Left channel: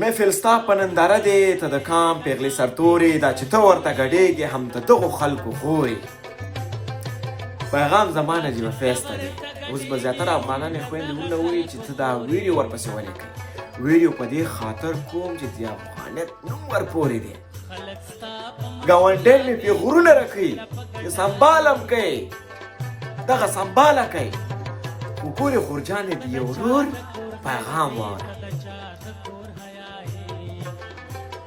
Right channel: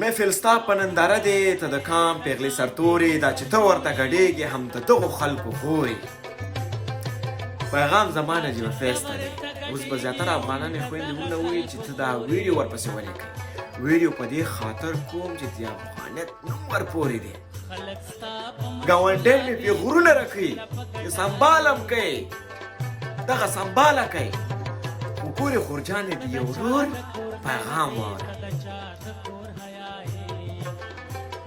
محفل ستا په ننداره دی ته د کام پیغلې سرتورې دا چې ته ورته ګډېږې هم د دغو خلکو خورې پیغام زمانه جیبه فیسته دی اوس به زیاتره افغانانې خویندې مونږ ته وایي چې ته دا ویډیو ورپسې ولیکئ ویډیو په دې خاطر کوم چې د افغانیت نوم ورپورې دی ګاونډی مې پرې غرونه راکوي چې سنبالم کوي دغه سنباله کوي خو ګورې خورجانې د یو ورور پیغام واوره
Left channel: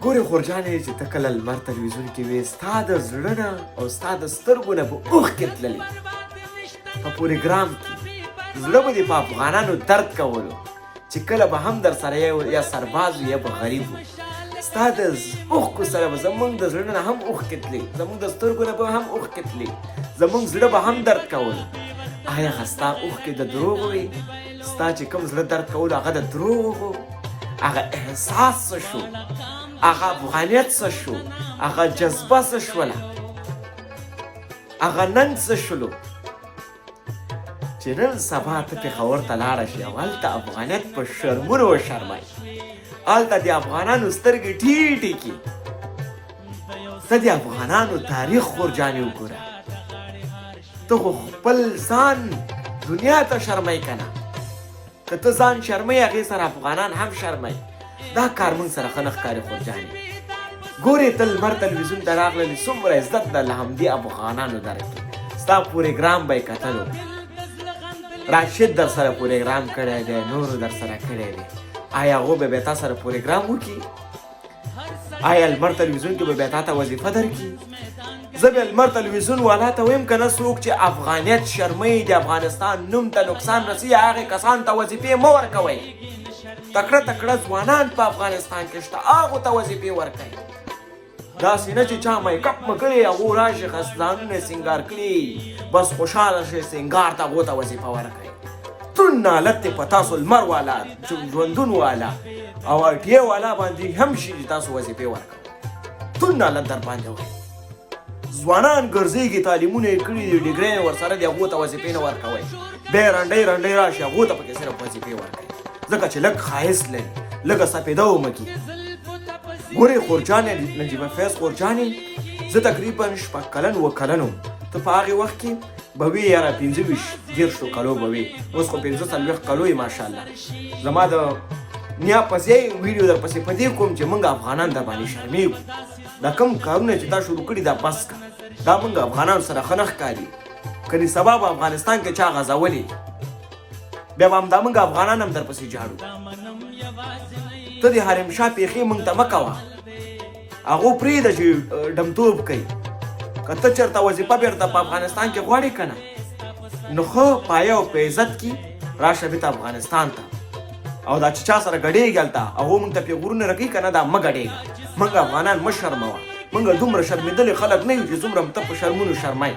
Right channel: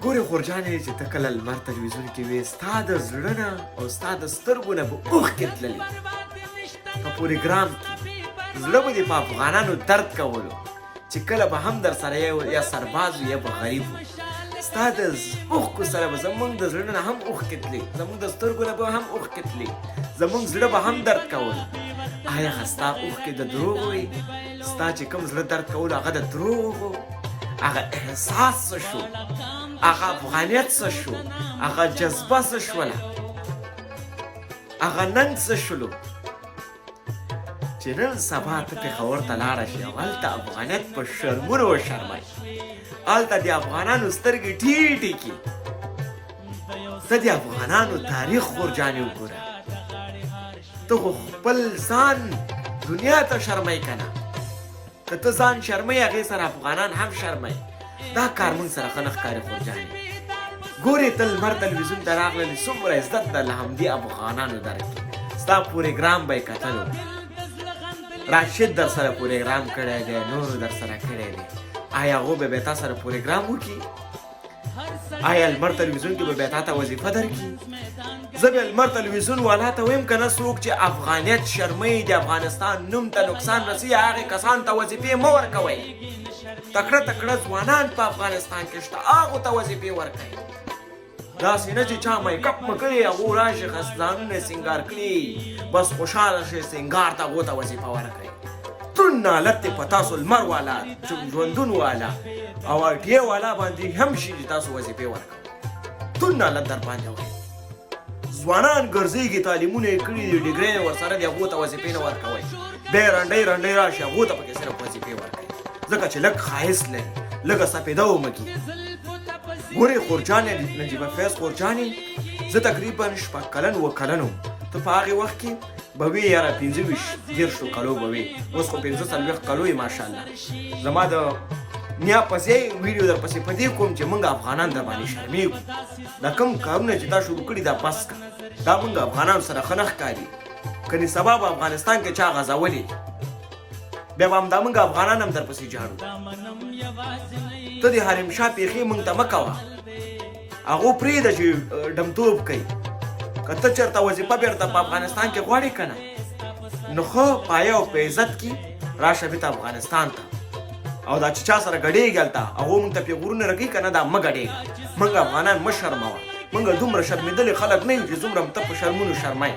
ګورې خورجانې چې ته کله لمر تلویزیون کې وې ستا د زړه نه او ستا د سترګو نه به اوښکې تللې په پروګرام کې زړه به دې په افغانانو درد کولو چې کله به هم در سره یا سرباز یا به غریب ستا د اوښکو سره به زموږ د زړه نه هم اوښکې تلې زموږ د سترګو نه به هم اوښکې تلې زموږ زړه به هم درد کولو آیا هغه ستا اوښکې د دروغ وې ستا چې کوم زړه درد کولو هغه د دروغ و هغه احساس څه شو هغه افغانیت څه شو هغه جذبه څه شوله هغه ننګ څه شولو چې نن سبا ته پېښور ته لاړه شي او هلته افغانیت په شرمونو وشرمئ هلته د افغانانو سترګې ټیټې کړي ته د افغانانو تاریخ خورجانې وګوره ته خو خپل ځان دنیا ته شرمئ که نه که ته ځان شرمئ هغې سره افغانان هم شرمئ دا کار موږ سره ښه نه ښکاري خورجانې ګورې ته لمر تلویزیون ته راغللې څومره عزت ده له همدې افغانانو درکې ستا پروګرام به یې کتلو راشد در سره پروګرام کړی دی نورو در سره کړی دی آیا هغو به بیا تا سره پروګرام وکړي آیا لمر تلویزیون کې به بیا تا ته وظیفه درکړي زه بیا لمر تلویزیون والا ته ویم که نه څوک چې افغانیت شرموي د افغانستان نوم ته نقصان رسوي هغې کسان ته وظیفې مه ورکوئ تکړه تکړه ځوانان په افغانستان کې شته هغو ته وظیفې ورکوئ داسې نه چې چا میکپ مه کړي هغو راشي ځانونه سینګار کړي بس خوشحاله شي سینګار ته هغو ته وظیفه ورکوئ دروند نالت دی په تاسو لمر والا ژوندون والا او اړتیا والا باندې هم شي چې تاسو وظیفې ورکوئ دروند نالت در باندې وایي ځوانان ګرځېږي تعلیمونه یې کړي دي ډګرۍ یې ورسره دي هغو ته وظیفې نه ورکوئ بیا یې رنډۍ رنډۍ راشي هغو ته پکې صرف وظیفې ورکوئ ځکه چې لږ ښایست لري لږه سپېده ومکي ګورې خورجانې نجیبه فیض خورجانې زه تقریبا 6 کلن و کلن وم ته په هغې وخت کې به وې یاره 25 کلو به وې اوس خو 45 کلو یې ماشاءالله زما د نیا پسې ویډیو در پسې په دې کوم چې موږ افغانان در باندې شرمېږو دا کوم کارونه چې تا شروع کړي دا بس که دا موږ افغانانو سره ښه نه ښکاري کنې سبا به افغانستان کې چا غځولې بیا به همدا موږ افغانان هم در پسې جاړو ته د حرم شاه پیښې موږ ته مه کوه هغو پرېږده چې ډمتوب کوي که ته چېرته وظیفه بېرته په افغانستان کې غواړې که نه نو ښه پایه او په عزت کې راشه بېرته افغانستان ته او دا چې چا سره ګډېږي هلته هغو موږ ته پیغورونه راکوي که نه دا مه ګډېږه موږ افغانان مه شرموه موږ دومره شرمېدلي خلک نه یو چې دومره ته په شرمونو شرمئ